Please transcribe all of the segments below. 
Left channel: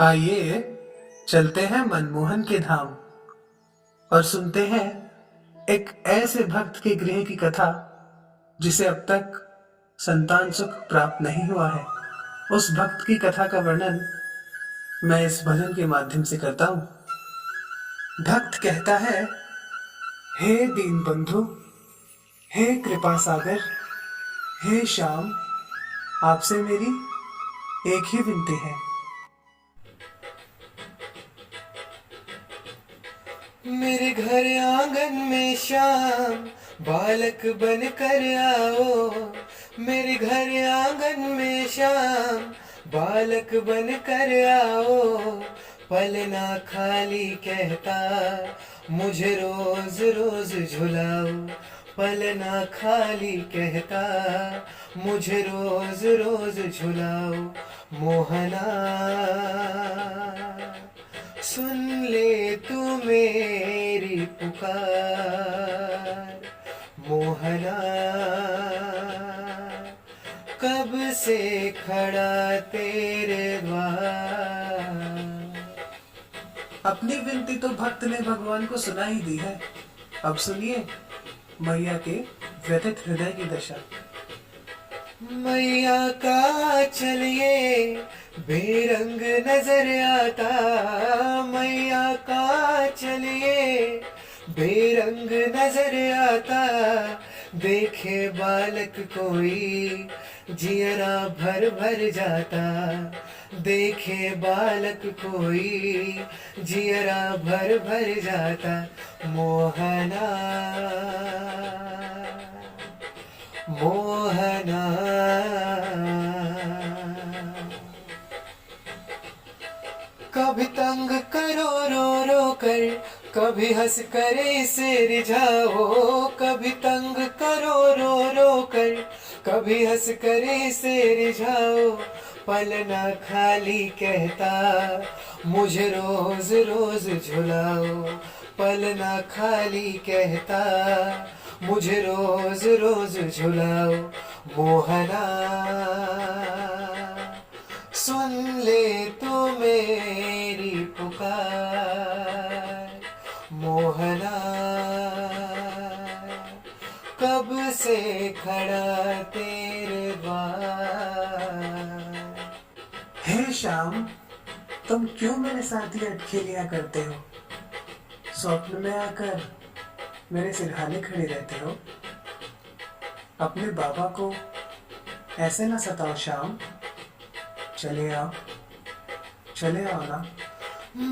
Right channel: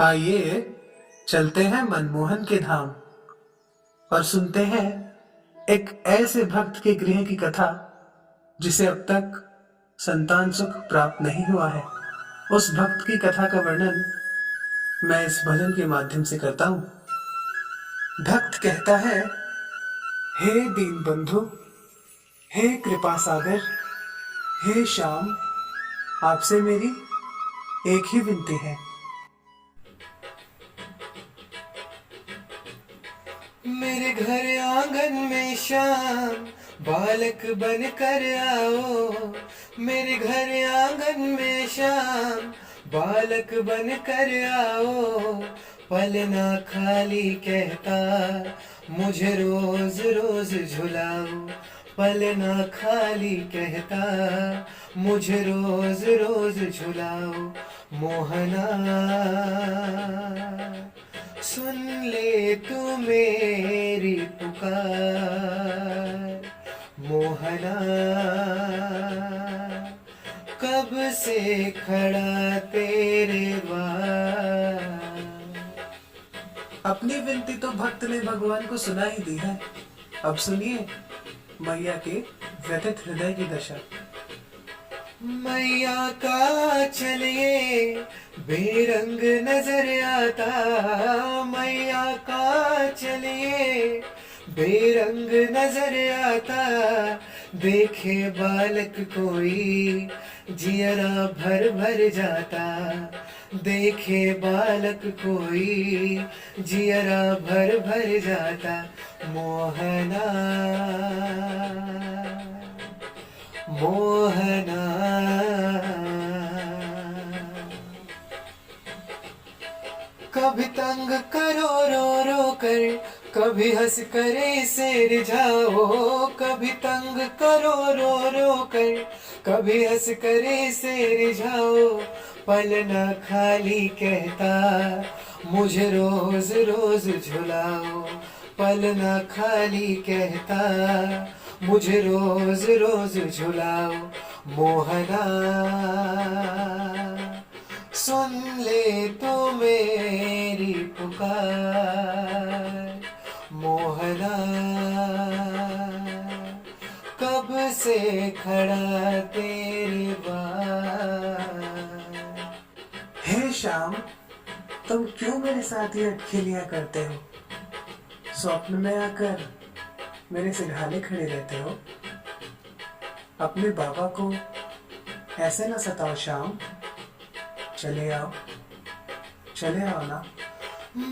आइए चलते हैं मनमोहन के धाम और सुनते हैं एक ऐसे भक्त के गृह की कथा जिसे अब तक संतान सुख प्राप्त नहीं हुआ है। उस भक्त की कथा का वर्णन मैं इस भजन के माध्यम से करता हूँ। भक्त कहता है, हे दीन बंधु, हे कृपा सागर, हे श्याम, आपसे मेरी एक ही विनती है। मेरे घर आंगन में शाम बालक बन कर आओ। मेरे घर आंगन में शाम बालक बन कर आओ। पलना खाली कहता मुझे रोज रोज झुलाओ। पलना खाली कहता मुझे रोज रोज झुलाओ। मोहना सुन ले तू मेरी पुकार। मोहना कब से खड़ा तेरे द्वार। अपनी विनती तो भक्त ने भगवान को सुना ही दी है। अब सुनिए मैया के व्यथित हृदय की दशा। मैया का चलिए बेरंग नजर आता। मैया का चलिए बेरंग नजर आता। देखे बालक कोई जियरा भर भर जाता। देखे बालक कोई जियरा भर भर जाता। मोहना मोहना कभी तंग करो रो रो कर, कभी हंस कर इसे रिझाओ। कभी तंग करो रो रो कर, कभी हंस कर इसे रिझाओ। पलना खाली कहता मुझे रोज रोज झुलाओ। पलना खाली कहता मुझे रोज रोज झुलाओ। मोहना सुन ले तू मेरी पुकार। मोहना कब से खड़ा तेरे द्वार। हे श्याम, तुम क्यों मेरे साथ ये अटखेलियां करते हो? स्वप्न में आकर मेरे सिरहाने खड़े रहते हो। अपने बाबा को ऐसे ना सताओ श्याम। चले आओ, चले आओ ना।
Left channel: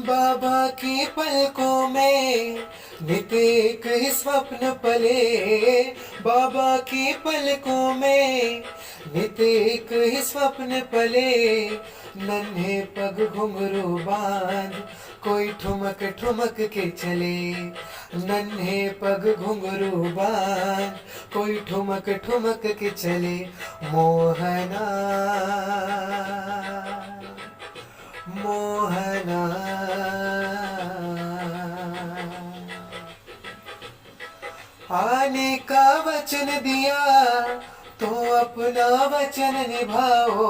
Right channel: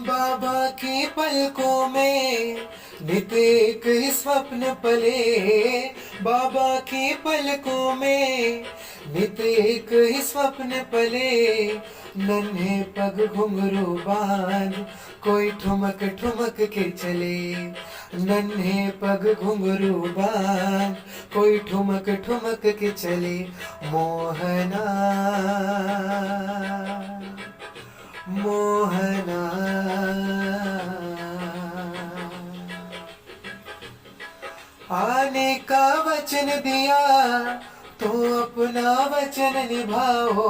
बाबा की पलकों में नित एक ही स्वप्न पले। बाबा की पलकों में नित एक ही स्वप्न पले। नन्हे पग घुंघरू बांध कोई ठुमक ठुमक के चले। नन्हे पग घुंघरू बांध कोई ठुमक ठुमक के चले। मोहना मोहना आने का वचन दिया तो अपना वचन निभाओ।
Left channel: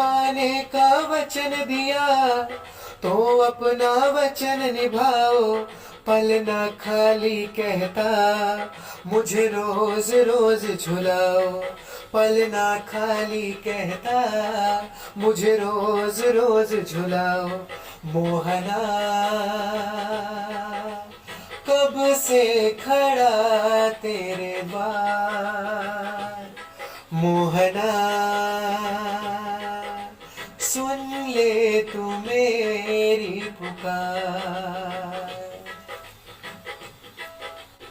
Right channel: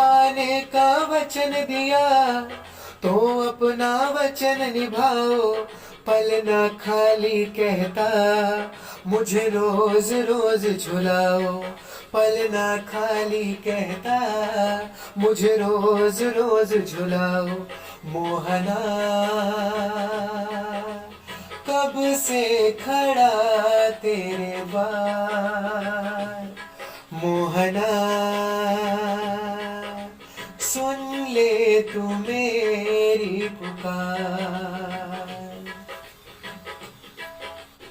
आने का वचन दिया तो अपना वचन निभाओ। पलना खाली कहता मुझे रोज रोज झुलाओ। पलना खाली कहता मुझे रोज रोज झुलाओ। मोहना कब से खड़ा तेरे द्वार। मोहना सुन ले तू मेरी पुकार।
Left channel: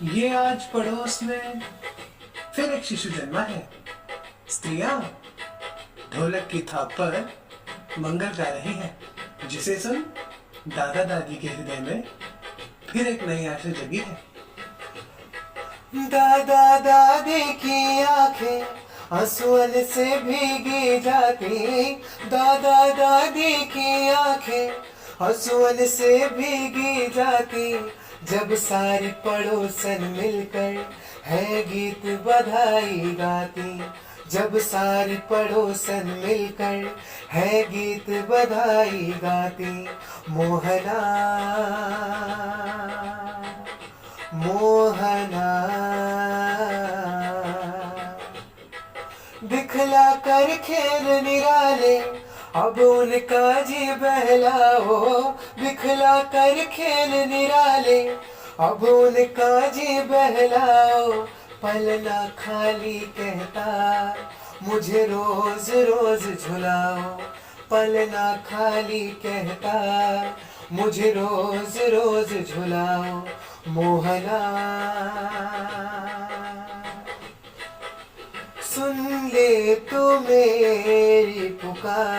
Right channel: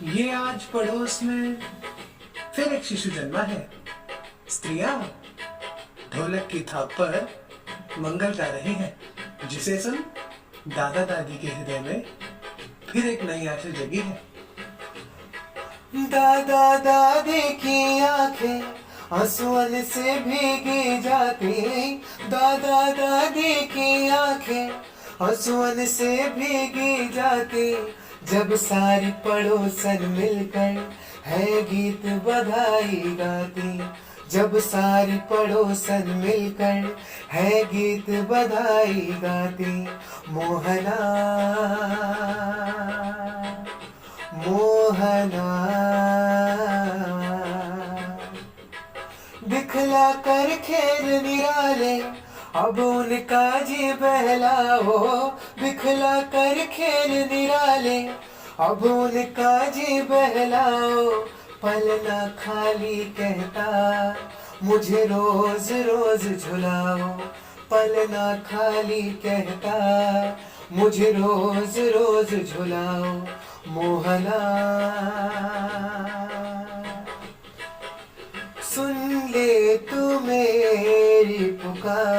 ये आज पड़ोस में फिर एक शिशु जन्मा है। स्त्रियां ढोलक की थाप पर मंगल गा रही हैं, जिसे सुन दादा दादी के हृदय में फिर एक नई आशा जगी है। दादा दादी की आंखें आंसुओं से भीगी जाती। दादा दादी की आंखें आंसुओं से भीगी जाती। जब सारी पड़ोसन मिलकर है गीत बधाई गाती। जब सारी पड़ोसन मिलकर है गीत बधाई गाती। मोहना मोहना दिखला कर खेल निराले अब उनका जी बहलाओ। दिखला कर खेल निराले अब उनका जी बहलाओ। पलना खाली कहता मुझे रोज रोज झुलाओ। पलना खाली कहता मुझे रोज रोज झुलाओ। मोहना सुन ले तू मेरी पुकार।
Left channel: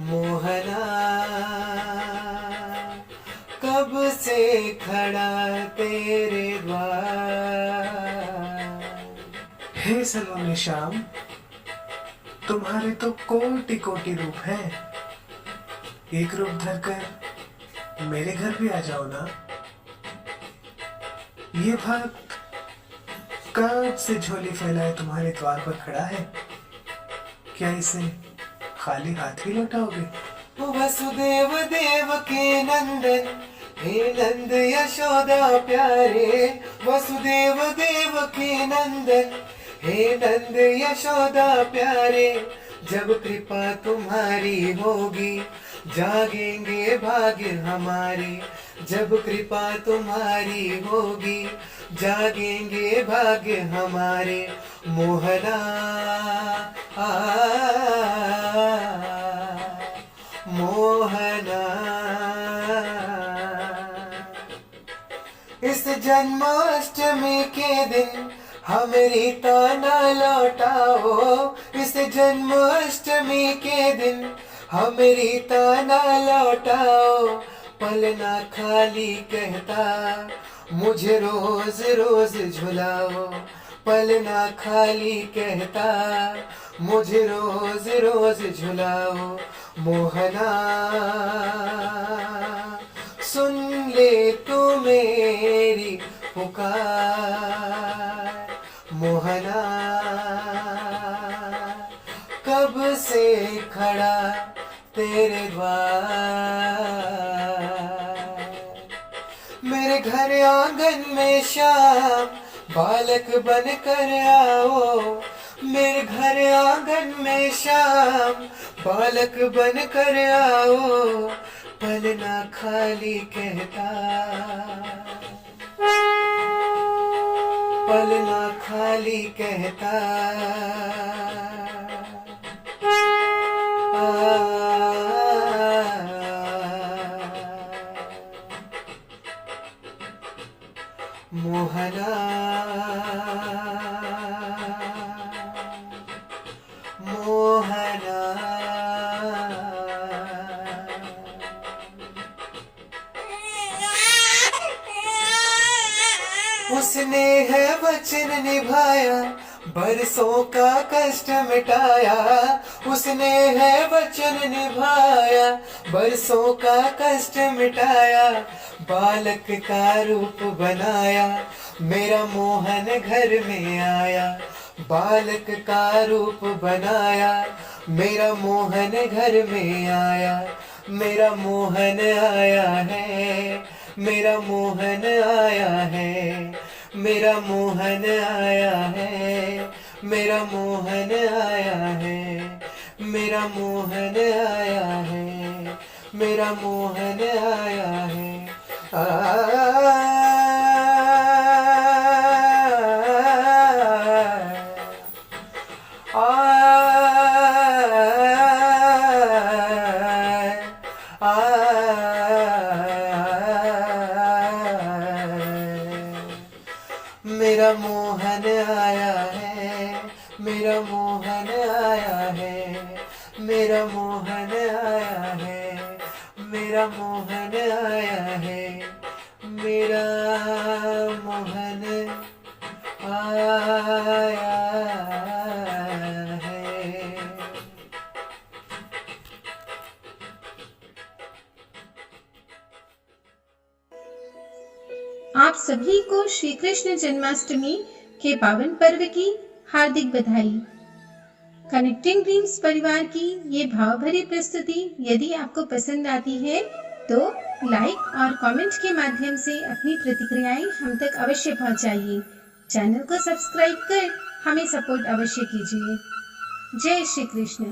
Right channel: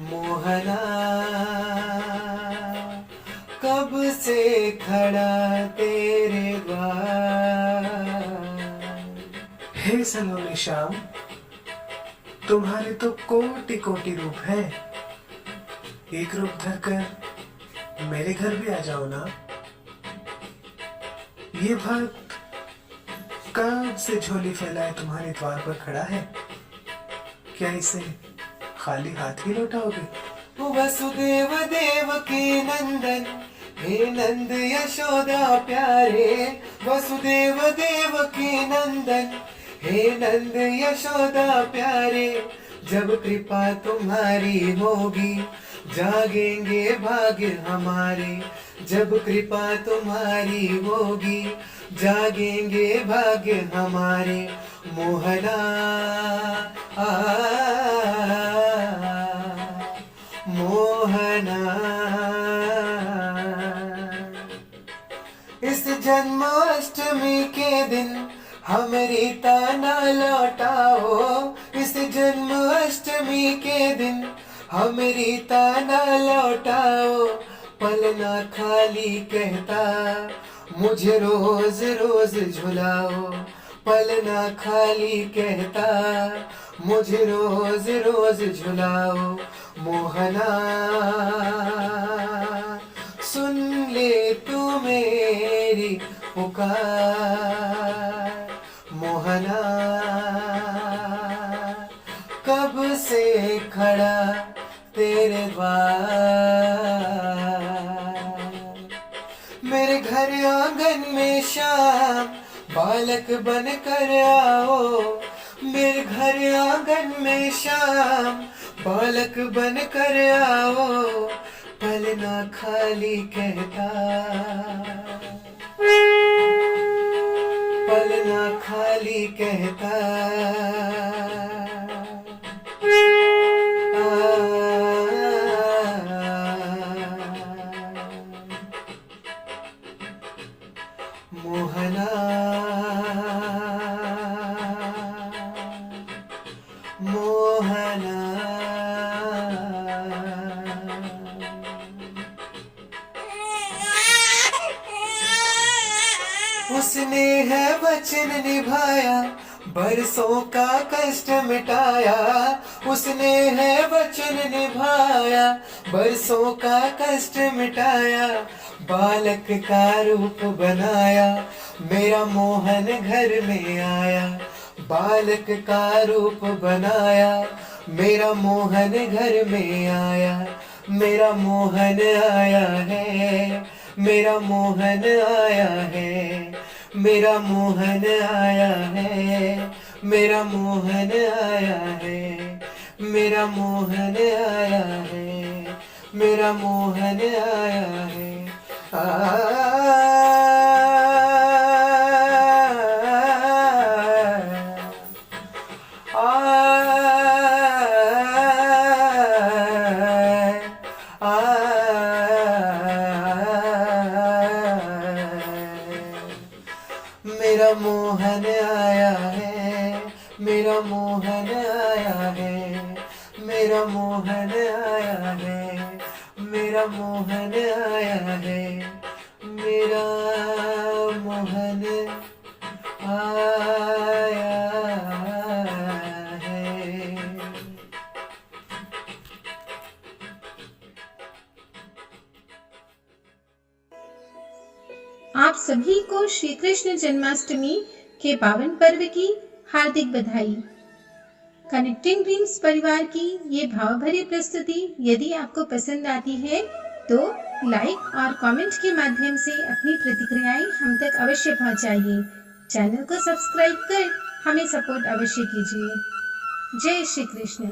मोहना कब से खड़ा तेरे द्वार। हे सलोने श्याम, तुम्हारे तो कोटि कोटि रूप हैं। एक रूप धरकर मेरे घर भी आ जाओ ना। ये भक्त कब से झोली फैलाए तुम्हारे द्वार पर खड़ा है, क्या इसे खाली हाथ ही लौटाओगे? वसुदेव देव के नंदन हे नंद यशोदा प्यारे। वसुदेव देव के नंदन हे नंद यशोदा प्यारे। जब कृपा तुम्हारी होगी जागेंगे भाग्य हमारे। जब कृपा तुम्हारी होगी जागेंगे भाग्य हमारे। मोहना मोहना इस जन्माष्टमी के दिन हमारी ताना लौटाओ। इस जन्माष्टमी के दिन हमारी ताना लौटाओ। पलना खाली कहता मुझे रोज रोज झुलाओ। पलना खाली कहता मुझे रोज रोज झुलाओ। मोहना सुन ले तू मेरी पुकार। मोहना कब से खड़ा तेरे द्वार। मेरे घर आंगन में शाम बालक बन कर आओ। मेरे घर आंगन में शाम बालक बन कर आओ। पलना खाली कहता पलना खाली कहता मोहना मोहना उसने है वचन निभाया बरसों का कष्ट मिटाया। उसने है वचन निभाया बरसों का कष्ट मिटाया। बालक का रूप बनाया मेरा मोहन घर में आया। बालक का रूप बनाया मेरा मोहन घर में आया। मेरा मोहन आया है मेरा मोहन आया है। मेरा मोहन आया है मेरा मोहन आया है। मेरा मोहन आया है मेरा मोहन आया है। मेरा मोहन आया है मेरा मोहन आया है। मेरा मोहन आया है मेरा मोहन आया है। मेरा मोहन आया है। आप सभी को श्री कृष्ण जन्माष्टमी के पावन पर्व की हार्दिक बधाई। कनेक्टिंग ड्रीम्स परिवार की ये भावभरी प्रस्तुति यदि आपको पसंद आती है तो लाइक और कमेंट के माध्यम से अपनी प्रतिक्रियाएं हम तक अवश्य पहुंचाइए। चैनल को सब्सक्राइब कर हमें सपोर्ट अवश्य कीजिए। जय श्री कृष्ण।